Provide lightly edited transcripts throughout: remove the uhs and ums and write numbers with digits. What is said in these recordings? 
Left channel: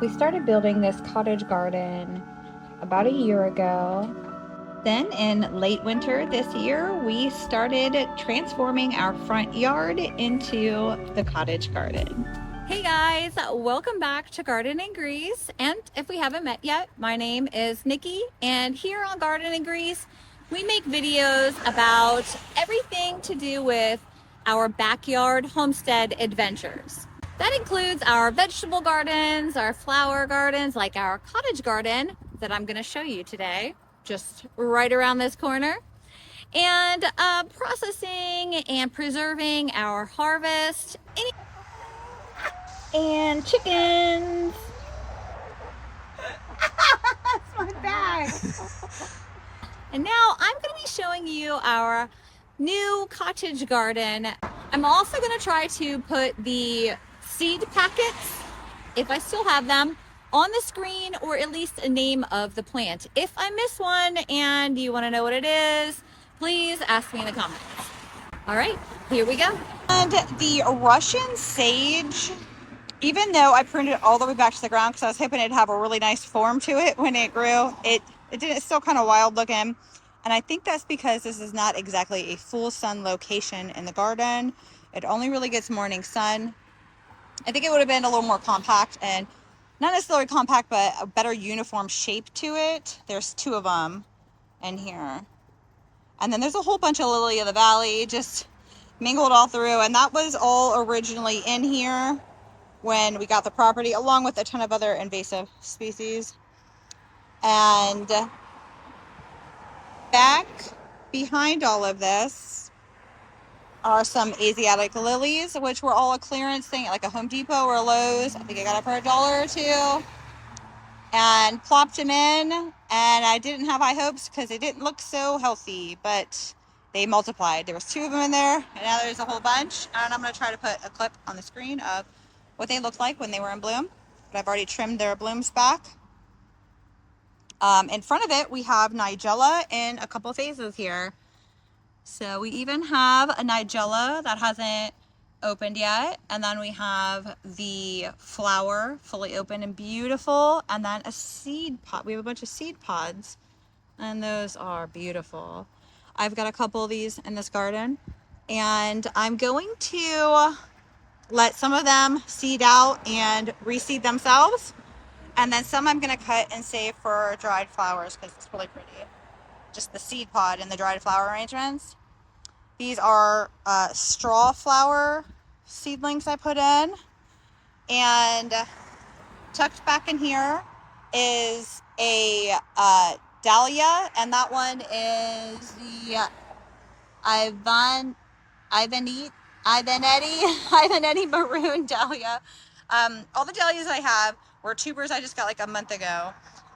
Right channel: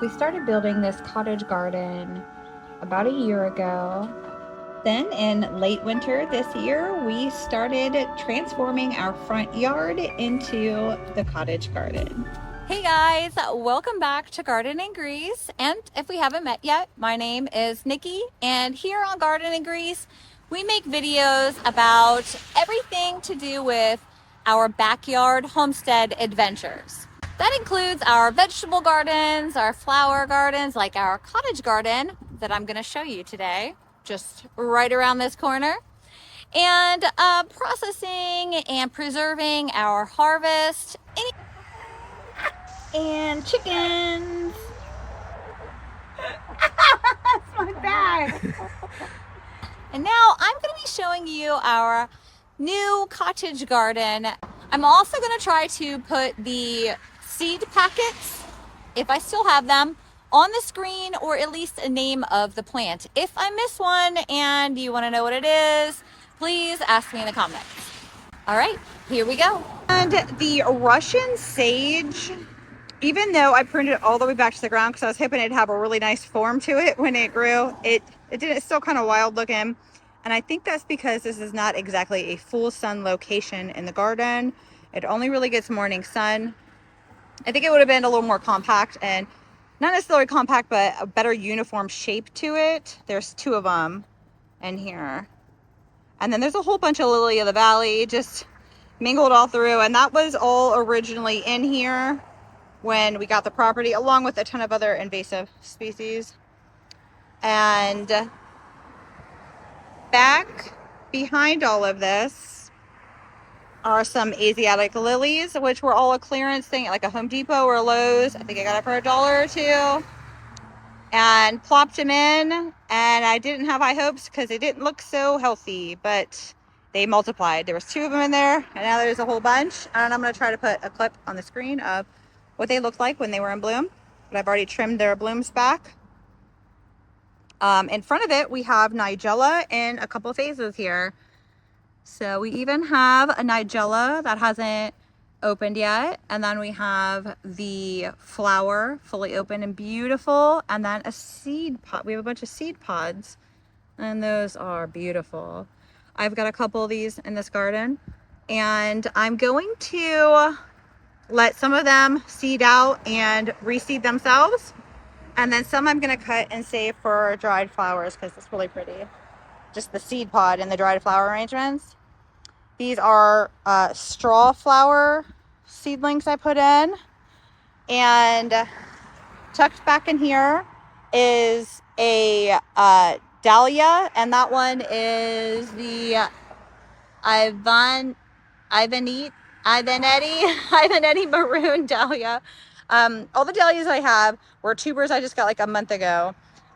We started building this cottage garden about a year ago. Then in late winter this year, we started transforming our front yard into the cottage garden. Hey guys, welcome back to Garden and Grease. And if we haven't met yet, my name is Nikki, and here on Garden and Grease, we make videos about everything to do with our backyard homestead adventures. That includes our vegetable gardens, our flower gardens, like our cottage garden that I'm going to show you today, just right around this corner, and processing and preserving our harvest. And chickens. That's my bag. And now I'm going to be showing you our new cottage garden. I'm also going to try to put the seed packets, if I still have them, on the screen, or at least a name of the plant. If I miss one and you want to know what it is, please ask me in the comments. All right, here we go. And the Russian sage, even though I pruned it all the way back to the ground because I was hoping it'd have a really nice form to it when it grew, it didn't. It's still kind of wild looking. And I think that's because this is not exactly a full sun location in the garden. It only really gets morning sun. I think it would have been a little more compact, and not necessarily compact, but a better uniform shape to it. There's two of them in here. And then there's a whole bunch of lily of the valley just mingled all through. And that was all originally in here when we got the property, along with a ton of other invasive species. And back behind all of this are some Asiatic lilies, which were all a clearance thing at like a Home Depot or a Lowe's. I think I got it for $1 or $2, and plopped them in. And I didn't have high hopes because they didn't look so healthy, but they multiplied. There was 2 of them in there, and now there's a whole bunch. And I'm going to try to put a clip on the screen of what they looked like when they were in bloom, but I've already trimmed their blooms back. In front of it, we have Nigella in a couple phases here. So we even have a Nigella that hasn't opened yet. And then we have the flower fully open and beautiful. And then a seed pod. We have a bunch of seed pods, and those are beautiful. I've got a couple of these in this garden, and I'm going to let some of them seed out and reseed themselves. And then some I'm going to cut and save for dried flowers because it's really pretty. Just the seed pod and the dried flower arrangements. These are straw flower seedlings I put in. And tucked back in here is a dahlia. And that one is the Ivanetti maroon dahlia. All the dahlias I have were tubers I just got like a month ago.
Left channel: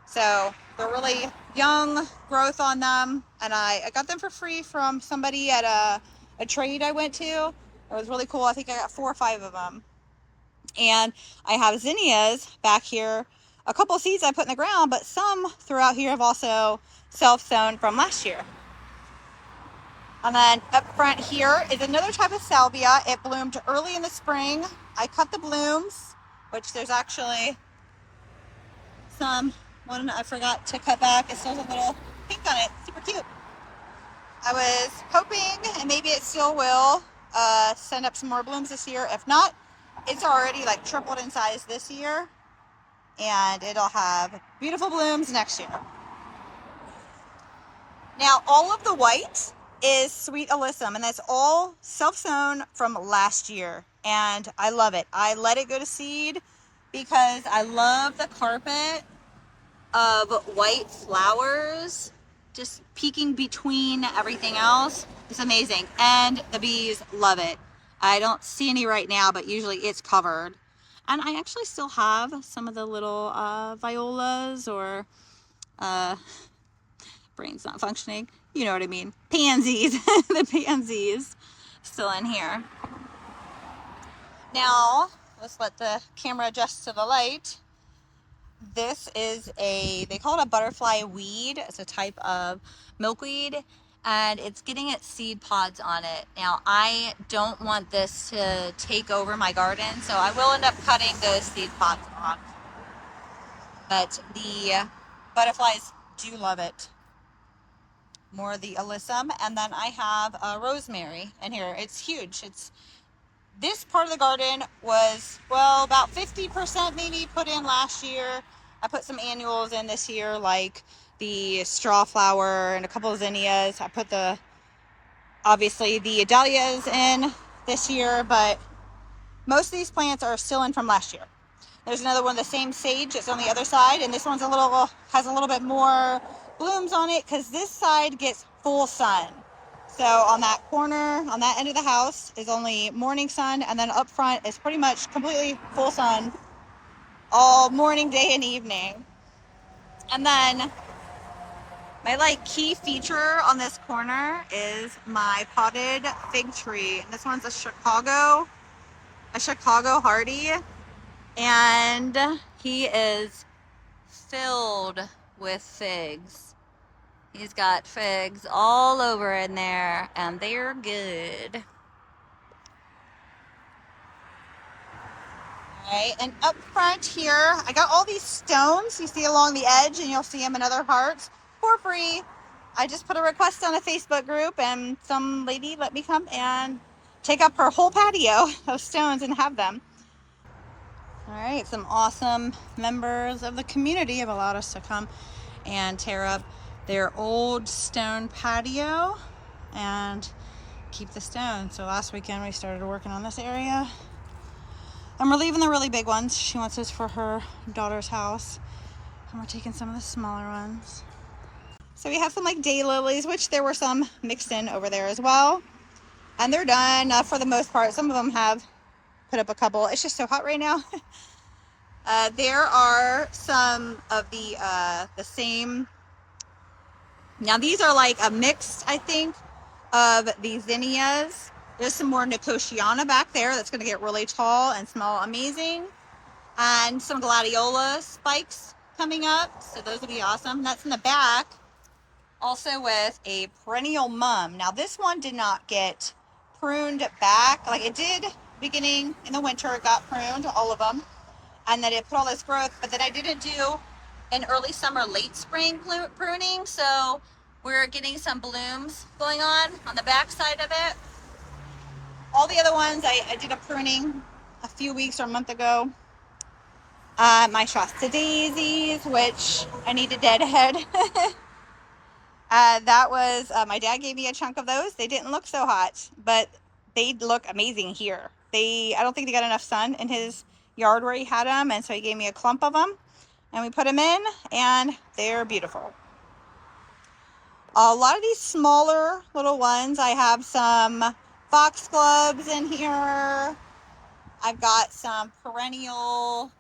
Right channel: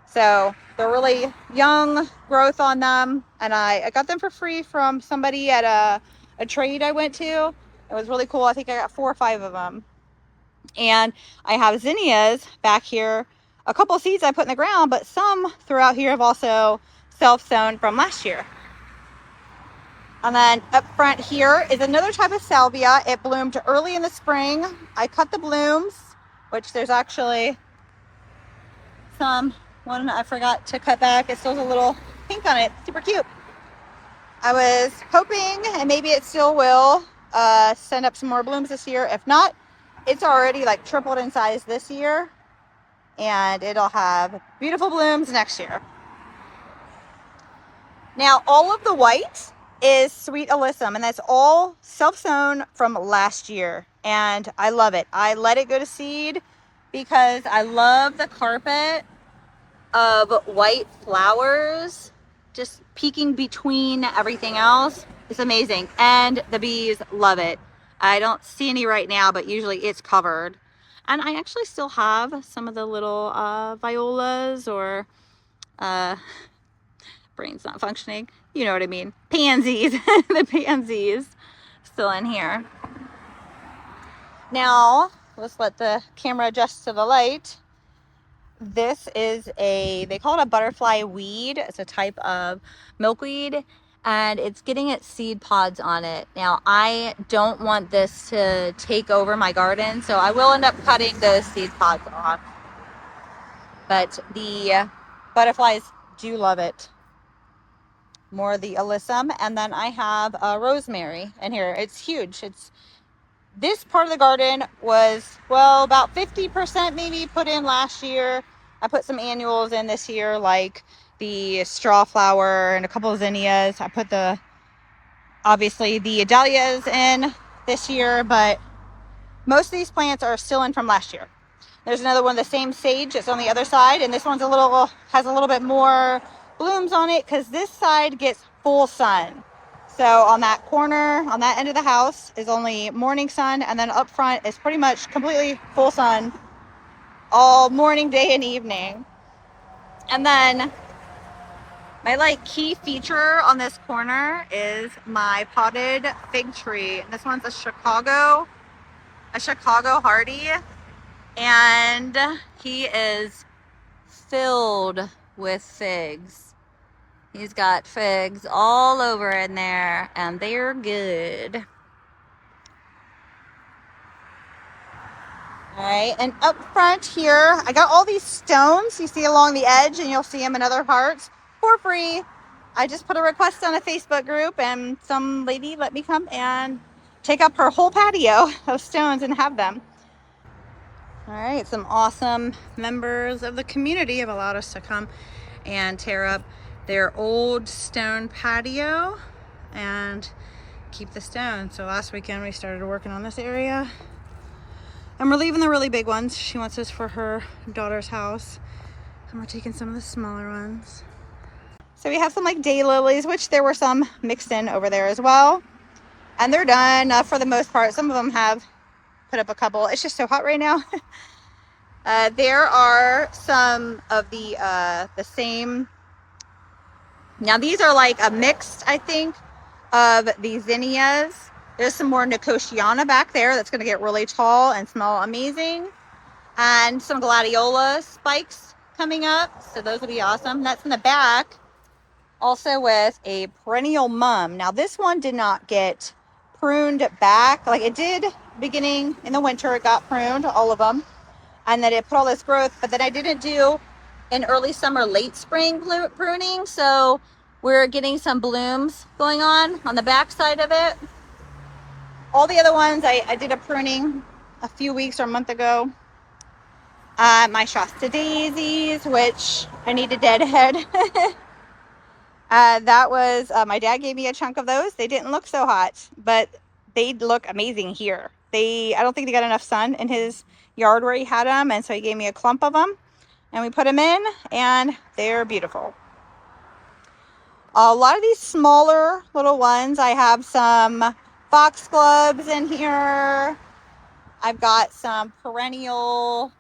So they're really young growth on them. And I got them for free from somebody at a trade I went to. It was really cool. I think I got 4 or 5 of them. And I have zinnias back here. A couple of seeds I put in the ground, but some throughout here have also self-sown from last year. And then up front here is another type of salvia. It bloomed early in the spring. I cut the blooms, which there's actually one I forgot to cut back. It still has a little pink on it. Super cute. I was hoping, and maybe it still will, send up some more blooms this year. If not, it's already like tripled in size this year, and it'll have beautiful blooms next year. Now, all of the white is sweet alyssum, and that's all self-sown from last year, and I love it. I let it go to seed because I love the carpet of white flowers just peeking between everything else. It's amazing, and the bees love it. I don't see any right now, but usually it's covered. And I actually still have some of the little violas, or brain's not functioning, you know what I mean, pansies. The pansies still in here. Now let's let the camera adjust to the light. This is they call it a butterfly weed. It's a type of milkweed, and it's getting its seed pods on it. Now, I don't want this to take over my garden, so I will end up cutting those seed pods off. but the butterflies do love it. More of the alyssum, and then I have rosemary in here. It's huge. It's this part of the garden was, well, about 50% maybe put in last year. I put some annuals in this year, like the straw flower and a couple of zinnias. I put obviously the dahlias in this year, but most of these plants are still in from last year. There's another one, the same sage, that's on the other side, and this one's has a little bit more blooms on it because this side gets full sun. So on that corner, on that end of the house is only morning sun, and then up front is pretty much completely full sun all morning, day, and evening. And then my key feature on this corner is my potted fig tree. This one's a Chicago Hardy, and he is filled with figs. He's got figs all over in there, and they're good. All right, and up front here, I got all these stones you see along the edge, and you'll see them in other parts for free. I just put a request on a Facebook group, and some lady let me come and take up her whole patio of stones and have them. All right, some awesome members of the community have allowed us to come and tear up their old stone patio and keep the stone. So last weekend we started working on this area, and we're leaving the really big ones. She wants this for her daughter's house, and we're taking some of the smaller ones. So we have some daylilies, which there were some mixed in over there as well, and they're done for the most part. Some of them have put up a couple. It's just so hot right now. There are some of the same. Now these are a mixed, I think, of the zinnias. There's some more Nicotiana back there that's going to get really tall and smell amazing. And some gladiola spikes coming up. So those will be awesome. That's in the back. Also with a perennial mum. Now this one did not get pruned back. Like it did beginning in the winter. It got pruned, all of them. And then it put all this growth. But then I didn't do an early summer, late spring pruning. So we're getting some blooms going on the back side of it. All the other ones, I did a pruning a few weeks or a month ago. My Shasta daisies, which I need to deadhead. That was, my dad gave me a chunk of those. They didn't look so hot, but they look amazing here. I don't think they got enough sun in his yard where he had them, and so he gave me a clump of them, and we put them in, and they're beautiful. A lot of these smaller little ones, I have some foxgloves in here. I've got some perennial.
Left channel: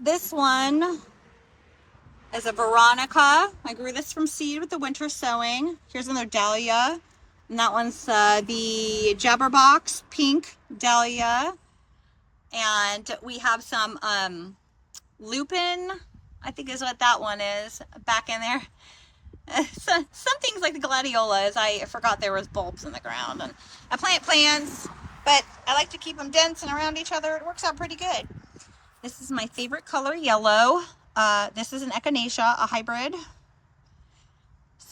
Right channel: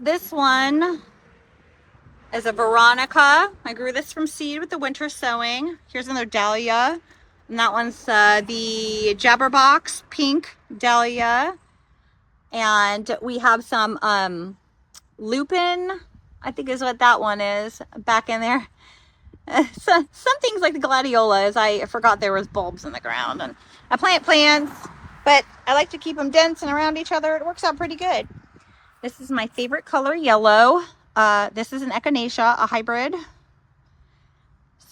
This one is a Veronica. I grew this from seed with the winter sowing. Here's another dahlia. And that one's the Jabberbox pink dahlia. And we have some lupin, I think is what that one is, back in there. So, some things like the gladiolas, I forgot there was bulbs in the ground. And I plant plants, but I like to keep them dense and around each other. It works out pretty good. This is my favorite color, yellow. This is an echinacea, a hybrid.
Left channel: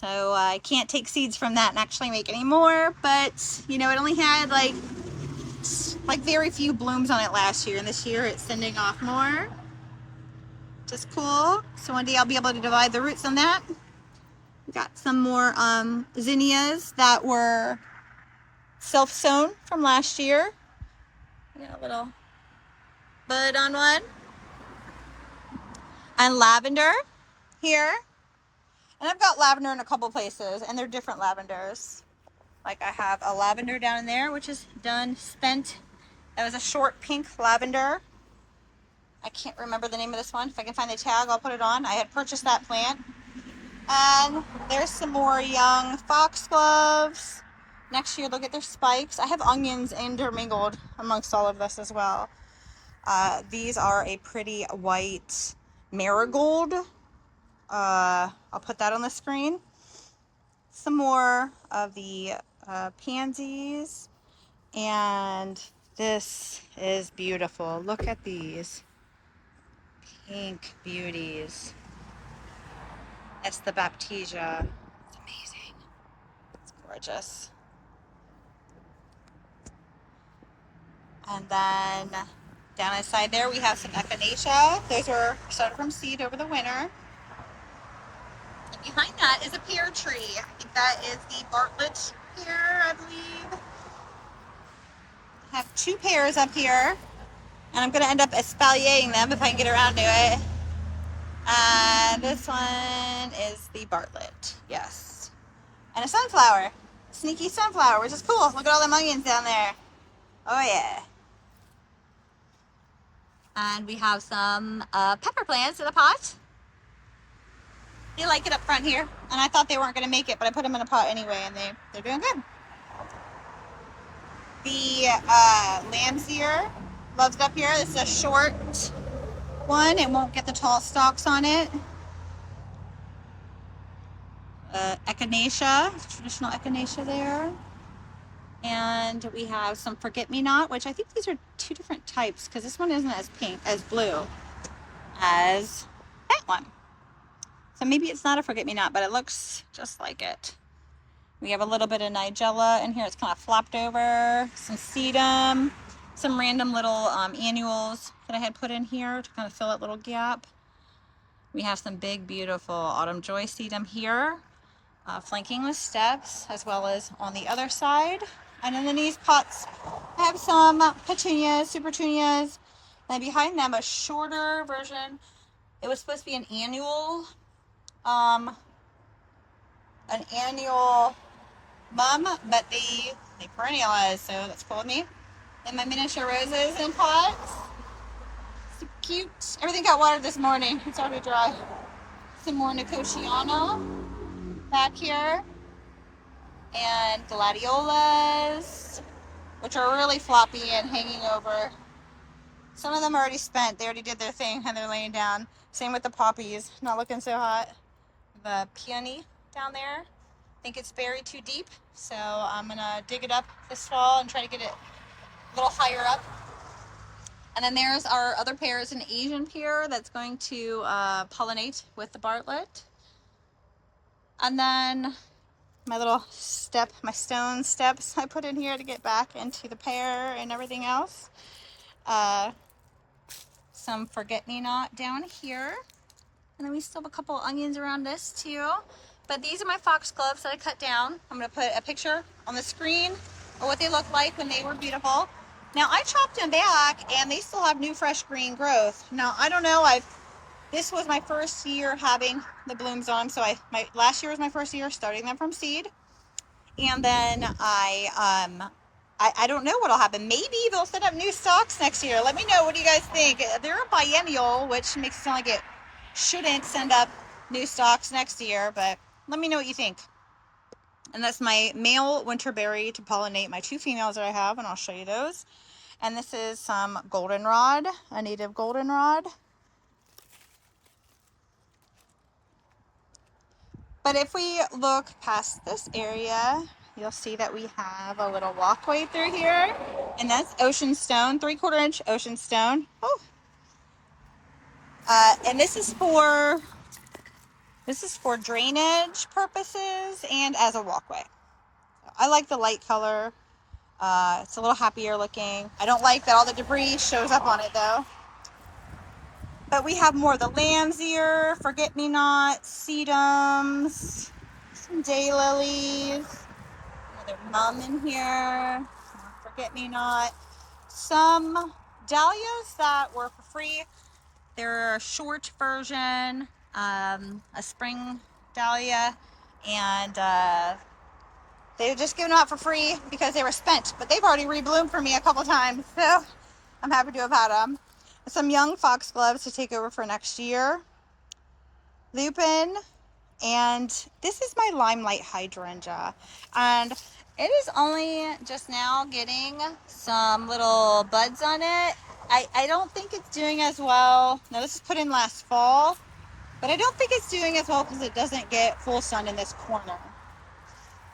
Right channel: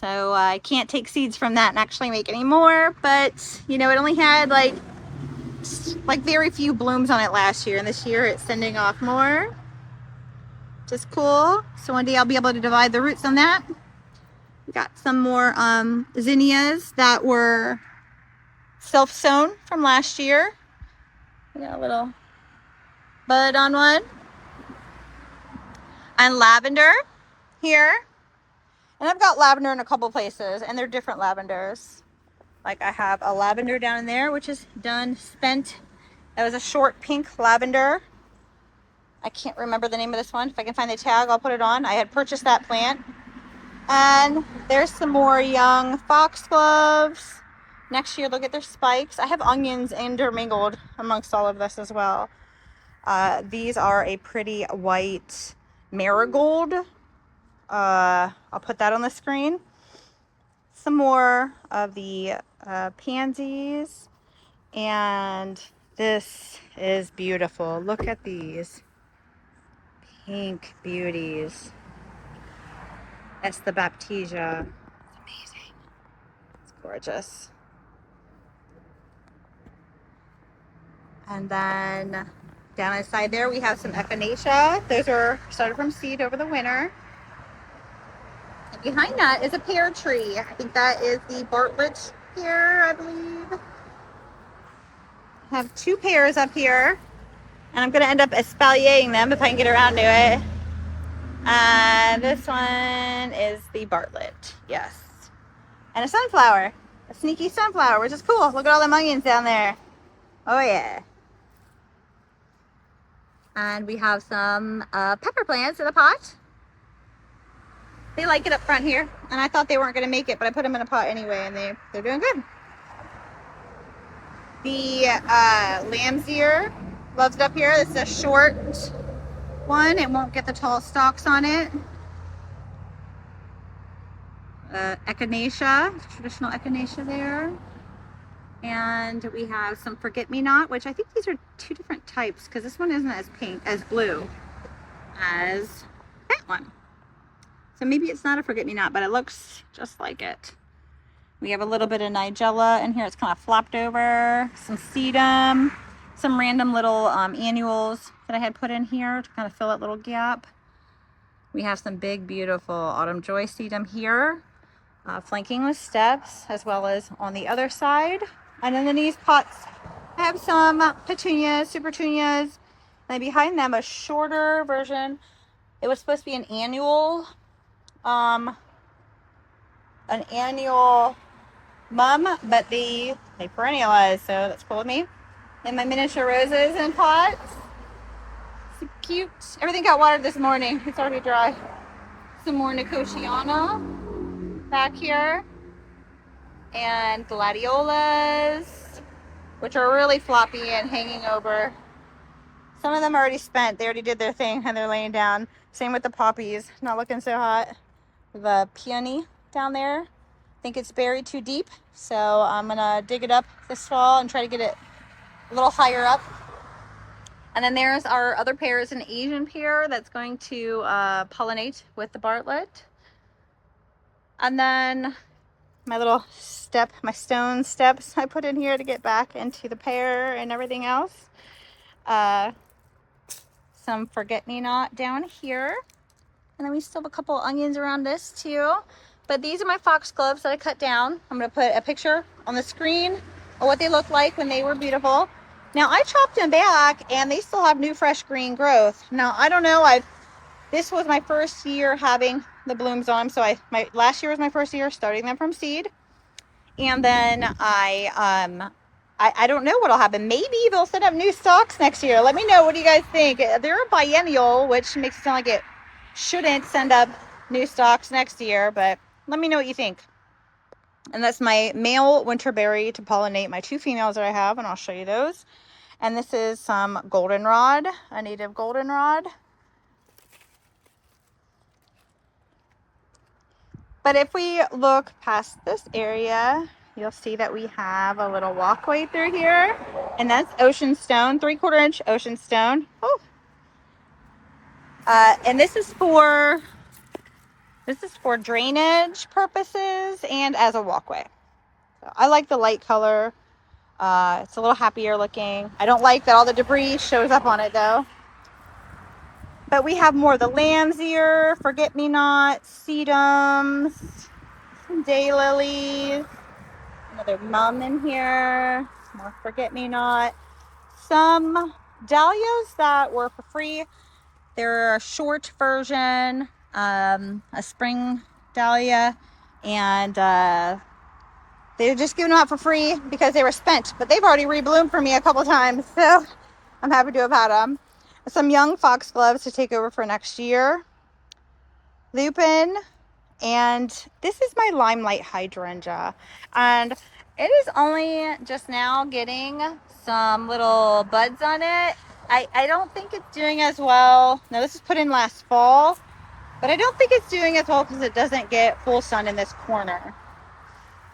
So I can't take seeds from that and actually make any more, but it only had like very few blooms on it last year, and this year it's sending off more. Just cool. So one day I'll be able to divide the roots on that. We got some more zinnias that were self-sown from last year. We got a little bud on one. And lavender here. And I've got lavender in a couple places, and they're different lavenders. Like I have a lavender down in there, which is done, spent. That was a short pink lavender. I can't remember the name of this one. If I can find the tag, I'll put it on. I had purchased that plant. And there's some more young foxgloves. Next year they'll get their spikes. I have onions intermingled amongst all of this as well. These are a pretty white marigold. I'll put that on the screen. Some more of the pansies. And this is beautiful. Look at these. pink beauties. That's the Baptisia. It's amazing. It's gorgeous. And then down inside there we have some echinacea. Those are started from seed over the winter. And behind that is a pear tree. I think that is the Bartlett pear, I believe. I have 2 pears up here. And I'm going to end up espaliering them if I can get around to it. And this one is the Bartlett. Yes. And a sunflower. A sneaky sunflower, which is cool. Look at all the onions down there. Oh, yeah. And we have some pepper plants in a pot. They like it up front here. And I thought they weren't going to make it, but I put them in a pot anyway, and they're doing good. The lamb's ear loves it up here. This is a short one. It won't get the tall stalks on it. Echinacea, traditional echinacea there. And we have some forget-me-not, which I think these are 2 different types because this one isn't as pink, as blue as that one. So maybe it's not a forget-me-not, but it looks just like it. We have a little bit of nigella in here. It's kind of flopped over. Some sedum, some random little annuals that I had put in here to kind of fill that little gap. We have some big, beautiful autumn joy sedum here, flanking with steps, as well as on the other side. And then in these pots, I have some petunias, super petunias. And behind them, a shorter version. It was supposed to be an annual mum, but they perennialized, so that's cool with me. And my miniature roses in pots. So cute. Everything got watered this morning. It's already dry. Some more Nicotiana back here. And gladiolas, which are really floppy and hanging over. Some of them are already spent. They already did their thing and they're laying down. Same with the poppies. Not looking so hot. The peony down there. I think it's buried too deep, so I'm gonna dig it up this fall and try to get it a little higher up. And then there's our other pear, is an Asian pear that's going to pollinate with the Bartlett. And then my little step, my stone steps I put in here to get back into the pear and everything else. Some forget-me-not down here. And then we still have a couple onions around this too. But these are my foxgloves that I cut down. I'm going to put a picture on the screen of what they look like when they were beautiful. Now I chopped them back and they still have new fresh green growth. Now I don't know, this was my first year having the blooms on them. So last year was my first year starting them from seed. And then I don't know what'll happen. Maybe they'll set up new stalks next year. Let me know. What do you guys think? They're a biennial, which makes it sound like it shouldn't send up new stalks next year, but let me know what you think. And that's my male winterberry to pollinate my 2 females that I have, and I'll show you those. And this is some goldenrod, a native goldenrod. But if we look past this area, you'll see that we have a little walkway through here, and that's ocean stone, 3/4 inch ocean stone. Oh. And this is for drainage purposes and as a walkway. So I like the light color. It's a little happier looking. I don't like that all the debris shows up on it though. But we have more of the lamb's ear, forget-me-not, sedums, some daylilies, another mum in here, more forget-me-not, some dahlias that were for free. They're a short version, a spring dahlia, and they were just giving them out for free because they were spent. But they've already rebloomed for me a couple times, so I'm happy to have had them. Some young foxgloves to take over for next year. Lupin, and this is my limelight hydrangea. And it is only just now getting some little buds on it. I don't think it's doing as well. Now this is put in last fall, but I don't think it's doing as well because it doesn't get full sun in this corner.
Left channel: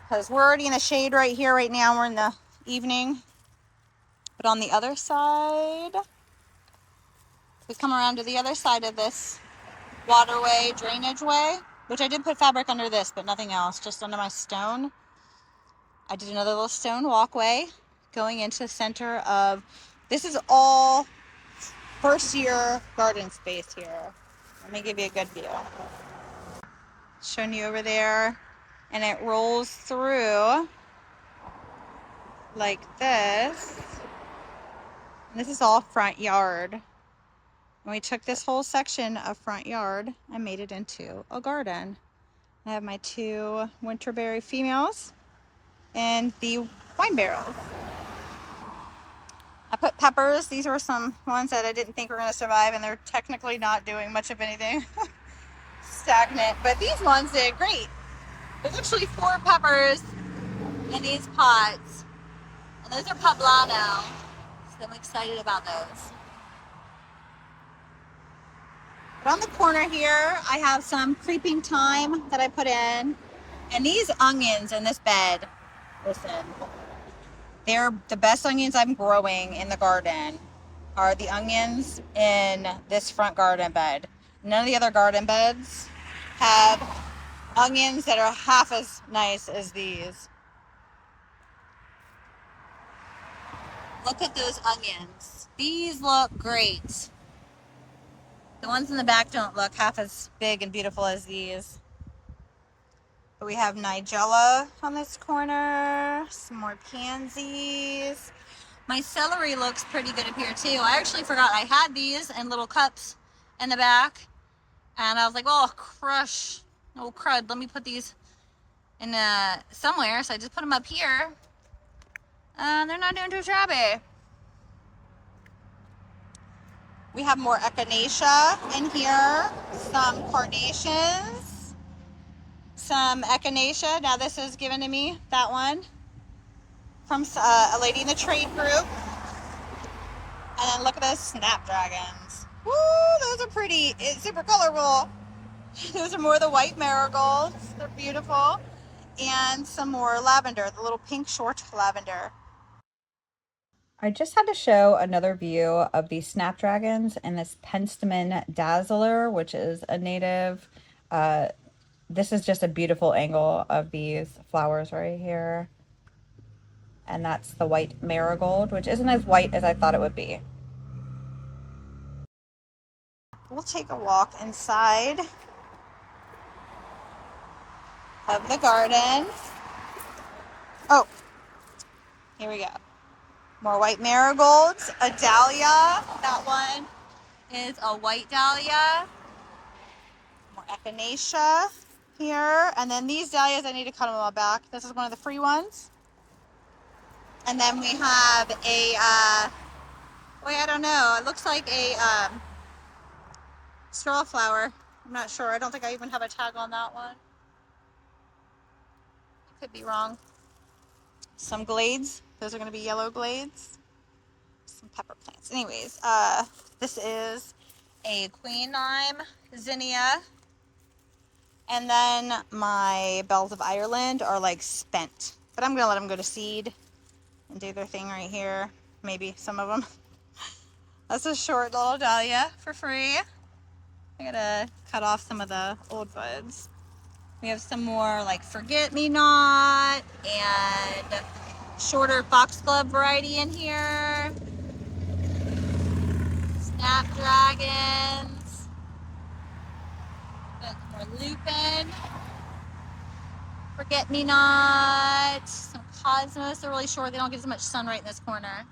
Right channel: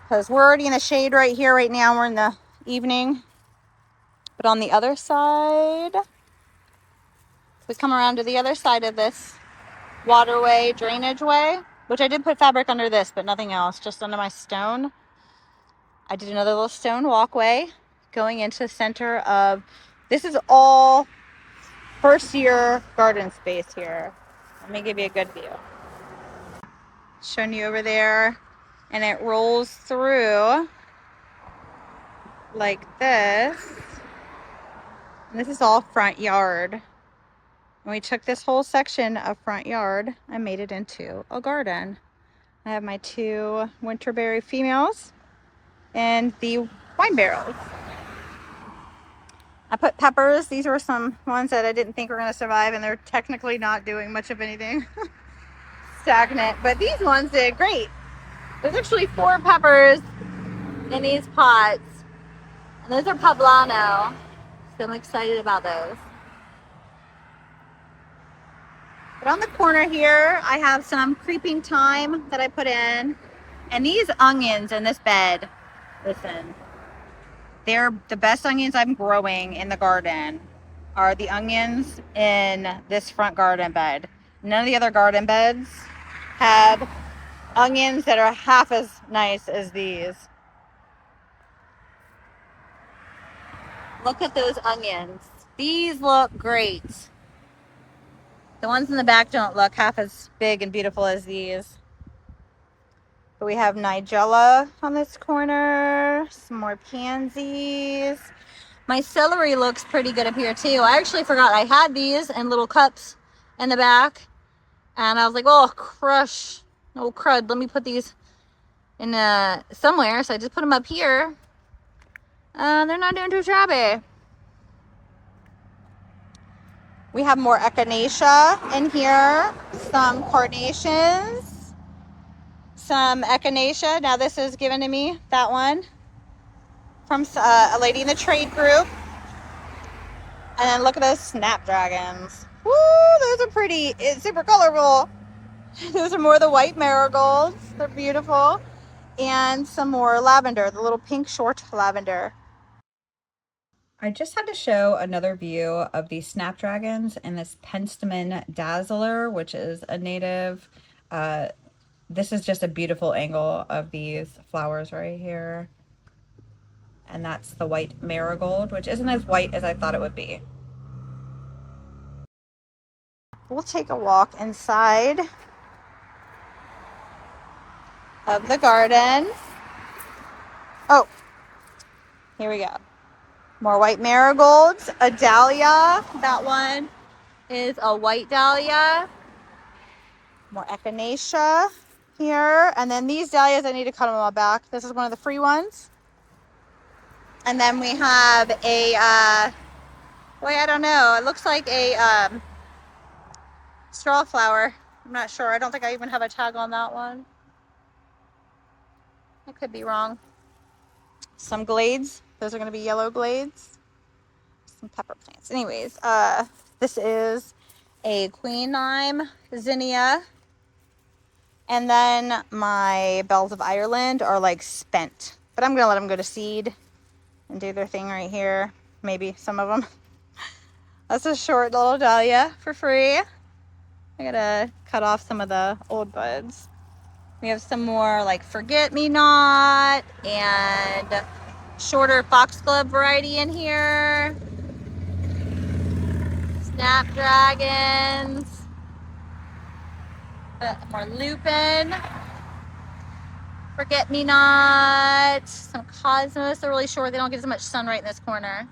Because we're already in the shade right here right now. We're in the evening. But on the other side, We come around to the other side of this waterway, drainage way, which I did put fabric under this, but nothing else, just under my stone. I did another little stone walkway going into the center of, this is all first year garden space here. Let me give you a good view. Showing you over there, and it rolls through like this. And this is all front yard. And we took this whole section of front yard and made it into a garden. I have my 2 winterberry females and the wine barrels. I put peppers. These were some ones that I didn't think were going to survive, and they're technically not doing much of anything. Stagnant, but these ones did great. There's actually 4 peppers in these pots, and those are poblano, so I'm excited about those. But on the corner here, I have some creeping thyme that I put in, and these onions in this bed, listen, they're the best onions I'm growing in the garden are the onions in this front garden bed. None of the other garden beds have onions that are half as nice as these. Look at those onions. These look great. The ones in the back don't look half as big and beautiful as these. But we have nigella on this corner, some more pansies. My celery looks pretty good up here too. I actually forgot I had these in little cups in the back. And I was like, oh, crush. Oh, crud. Let me put these in somewhere. So I just put them up here. They're not doing too shabby. We have more echinacea in here. Some carnations. Some echinacea. Now this is given to me, that one, from a lady in the trade group. And then look at those snapdragons. Woo, those are pretty. It's super colorful. Those are more the white marigolds. They're beautiful. And some more lavender, the little pink short lavender. I just had to show another view of these snapdragons and this Penstemon dazzler, which is a native. This is just a beautiful angle of these flowers right here. And that's the white marigold, which isn't as white as I thought it would be. We'll take a walk inside of the garden. Oh, here we go. More white marigolds, a dahlia. That one is a white dahlia. More echinacea here. And then these dahlias, I need to cut them all back. This is one of the free ones. And then we have a, well, I don't know. It looks like a straw flower. I'm not sure. I don't think I even have a tag on that one. I could be wrong. Some glades. Those are going to be yellow glades. Some pepper plants. Anyways, this is a queen lime zinnia. And then my bells of Ireland are like spent. But I'm going to let them go to seed and do their thing right here. Maybe some of them. That's a short little dahlia for free. I gotta cut off some of the old buds. We have some more like forget-me-not and shorter foxglove variety in here. Snapdragons. More lupin. Forget-me-not. Some cosmos. They're really short. They don't get as much sunlight in this corner.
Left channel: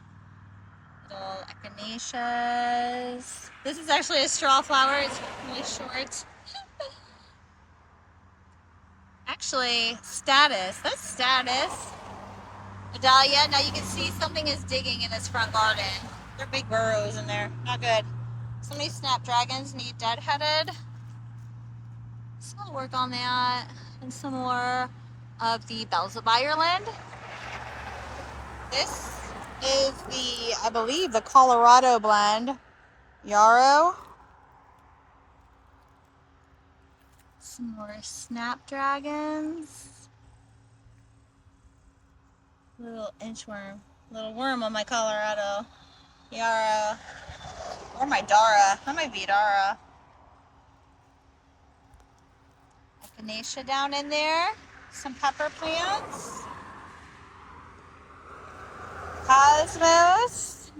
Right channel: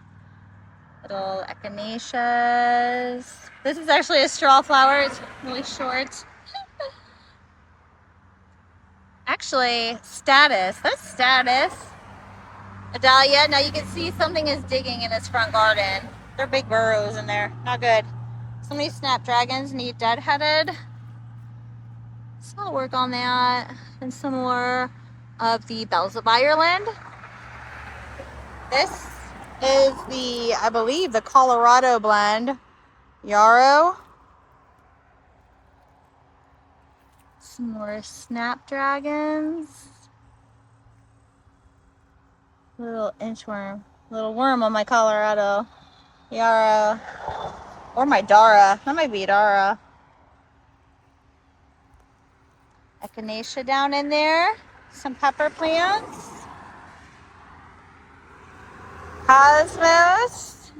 Little echinaceas. This is actually a straw flower. It's really short. Actually, status. That's status. A dahlia. Now you can see something is digging in this front garden. They're big burrows in there. Not good. Some of these snapdragons need deadheaded. So I'll work on that. And some more of the bells of Ireland. This is the, I believe, the Colorado blend. Yarrow. Some more snapdragons. Little inchworm. Little worm on my Colorado yarrow. Or my Dara. That might be Dara. Echinacea down in there. Some pepper plants. Cosmos.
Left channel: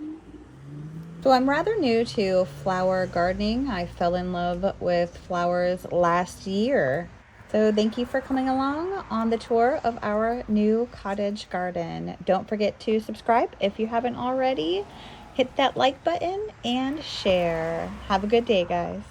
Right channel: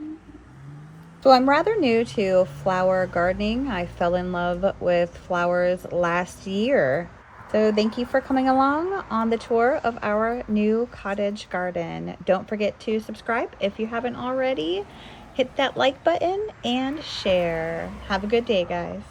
So I'm rather new to flower gardening. I fell in love with flowers last year. So thank you for coming along on the tour of our new cottage garden. Don't forget to subscribe if you haven't already. Hit that like button and share. Have a good day, guys.